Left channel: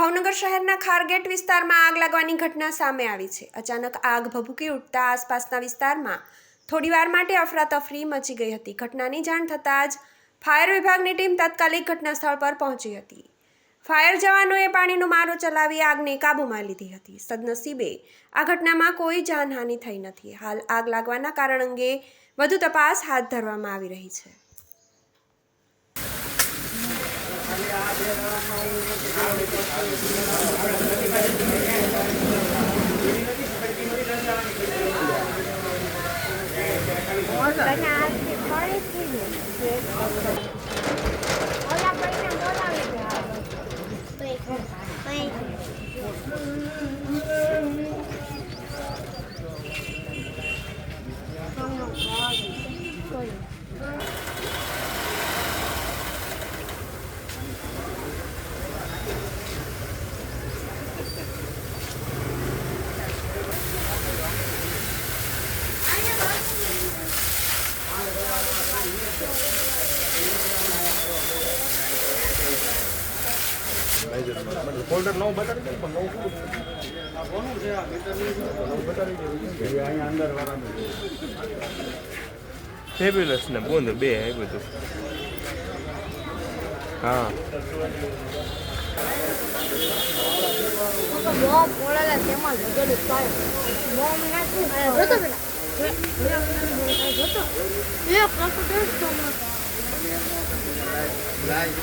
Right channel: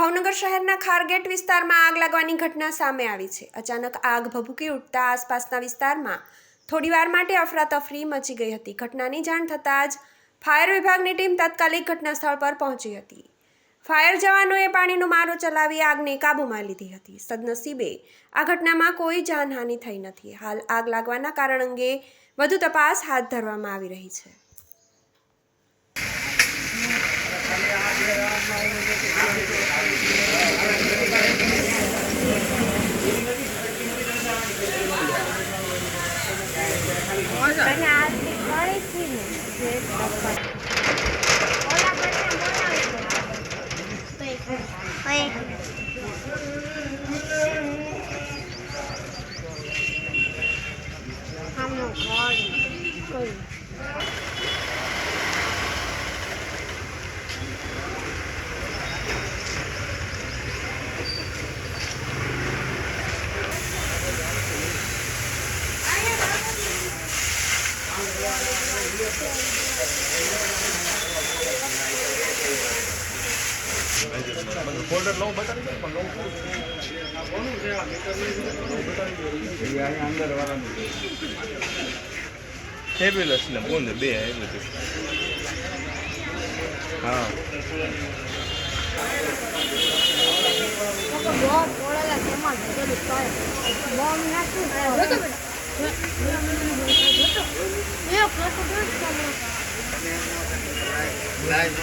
ભાવનગર શહેરના ખારગેટ વિસ્તારમાં આગ લાગવાની ઘટના સામે આવી છે। અચાનક આગ ભભૂકી ઉઠતા આસપાસના વિસ્તારમાં થોડીવાર માટે અફરાતફરી મચી ગઈ હતી। ઘટનાની જાણ થતાં જ ફાયર વિભાગની ટીમ તાત્કાલિક ઘટના સ્થળ પર પહોંચી હતી। ફાયર જવાનોએ પાણીનો મારો ચલાવી આગને કાબૂમાં લીધી હતી। સદનસીબે આ ઘટનામાં કોઈ જાનહાનિ થઈ નથી। હાલ આગ લાગવાના કારણ અંગે વધુ તપાસ હાથ ધરવામાં આવી રહી છે। ફોલ્ડર લો બતાવી દો પણ લો કોનું છે આ બતાવી દો એ અહીં અંદર વાળાનું ફેબ્યુલસ ને બોલ બે આવ્યું હતું હા લાઈન